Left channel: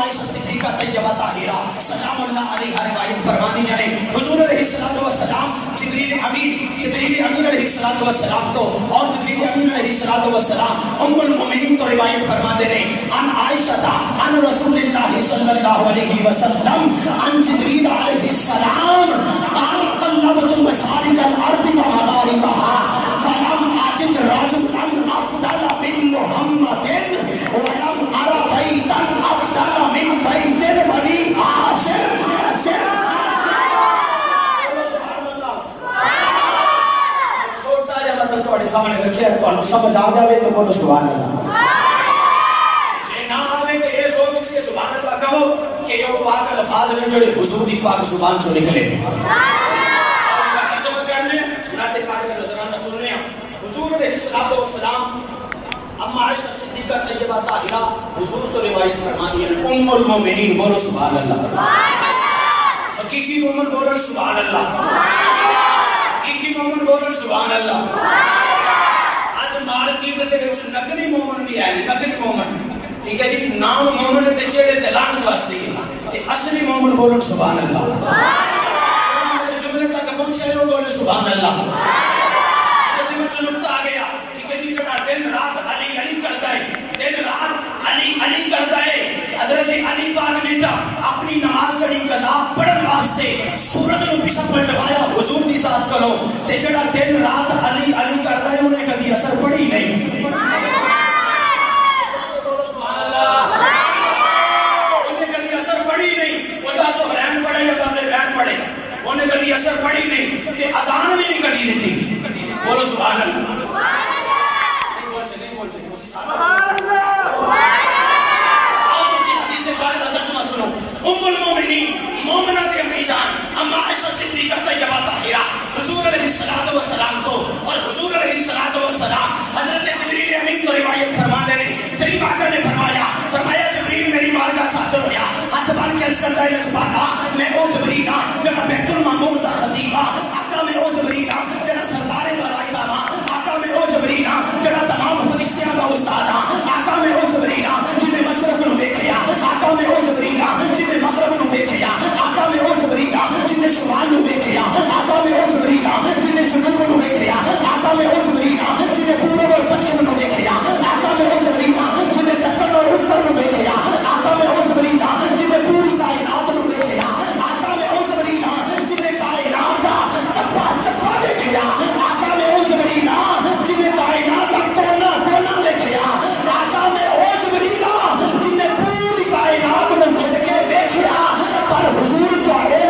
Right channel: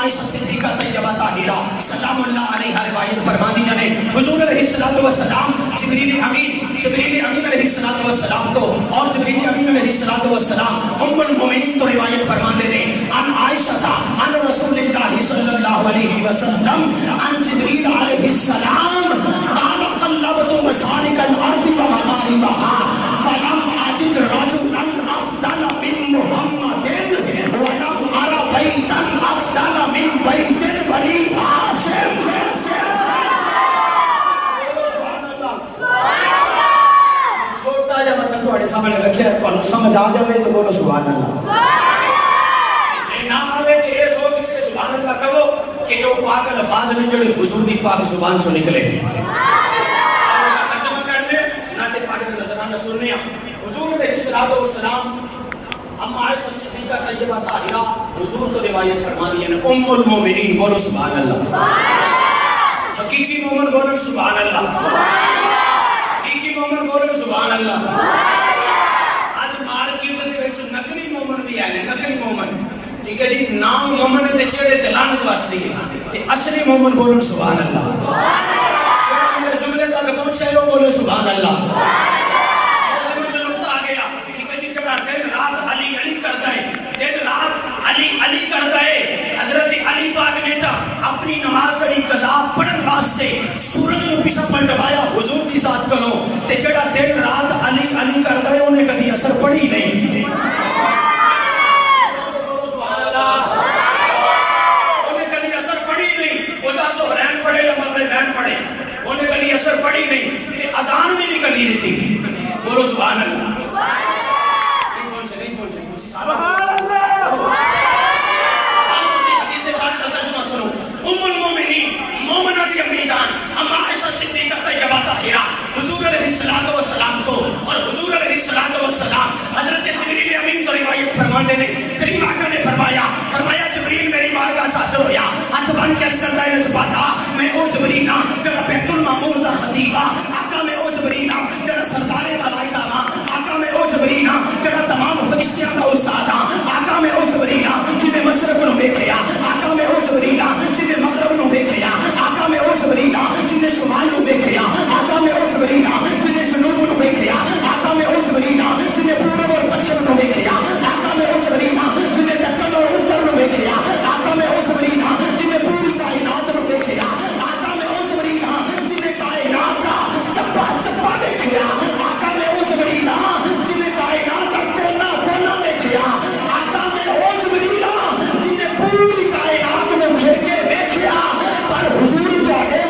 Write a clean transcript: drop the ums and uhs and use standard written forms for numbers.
عائشہ صدیقہ طیبہ طاہرہ سلام اللہ علیہ روایت فرماتی ہیں حضور علیہ السلام جبریل امین علیہ السلام کو اور جبریل امین علیہ السلام ام المؤمنین تو روایت فرماتے ہیں ان عائشہ عن رسول اللہ صلی اللہ علیہ وسلم عن جبریل علیہ السلام قال قلبت مشارق الارض ومغاربها فلم اجد رجلا افضل من محمد ولم ارى بیتا افضل من بیت بنی ہاشم. چھوٹا جا مطلب تھوڑے سامنے رکھے تو سمجھ آ جاوے تو بولو سبحان اللہ. جے نہ آوے تو یہ سوچ سے سبحان اللہ کہو کہ یہ پاک الفاظ نکلے حضور دی پاک زبان چوں نکلے. ترجمہ کرنے ناتے پاک دا نظرانہ سننے حضور علیہ السلام اما عائشہ صدیقہ طیبہ طاہرہ حضور تو روایت فرمانی ہے ام المومنین بولو سبحان اللہ. حقیقی مومن بولو سبحان اللہ. حقیقی مومن بولو سبحان اللہ. آج مارکیٹ دے وچ نقلی مومن بھی آئے نقلی مومن ٹھیک ہے جی نام مومن تے چہرے تے لعنت واسطے تے اصلی مومن بولو سبحان اللہ. جملے تک پہنچے ہو بولو سبحان اللہ. دن رات علی علی کرتا ہے دن رات علی کرتا ہے. حضرت علی پاک بیٹا اپنی نماز پڑھی قضا پڑھن واسطے سورج نو پیچھے پلٹوایا حضور دی ذات کرو تے جڑا دن رات علی کرتا ہے انہیں کبھی اثر پڑھی نہیں. انہیں کبھی اثر پڑھی نہیں. وہ جا ظہرین پڑھے یا مغربین پڑھے انہیں کبھی اثر پڑھی نہیں کہ اذان بھی نہیں کبھی دیتی. بولو سبحان اللہ. سبحان اللہ. آپ اسی حدیث خالدہ ترجمہ سنو. ام المومنین مومنہ دی امی جان اما عائشہ صدیقہ طیبہ طاہرہ حضور علیہ السلام کو اور حضور علیہ السلام حضرت جبریل امین کو روایت فرماتے ہیں کریم آقا نے فرمایا جبریل میری بارگاہ حاضر ہویا ہاتھ بن کے عرض کرتا ہے جباتا میں او جبریل جڑا بیت المعمور دا خطیب آقا میں او جبریل جڑا سردار ملائکہ آقا میں او جبریل جڑا تمام فرشتیاں دا استاد آقا میں او جبریل جنہیں مشرق نو دیکھیا آقا میں او جبریل جنہیں مغرب نو دیکھیا آقا میں او جبریل جنہیں شمال نو دیکھیا آقا میں او جبریل جنہیں جنوب نو دیکھیا آقا میں او جبریل جنہیں پورب اور پچھم نو دیکھیا آقا میں او جبریل جنہیں دکن اور اتر نو دیکھیا آقا میں او جبریل جنہیں پوری کائنات نو دیکھیا آقا میں او جبریل جنہیں کائنات دا چپا چپا دیکھیا آقا میں او جبریل جنہیں کائنات دا کونا کونا دیکھیا آقا میں او جبریل جنہیں پوری کائنات نو گھر کے دیکھیا. پر حضور تو آگے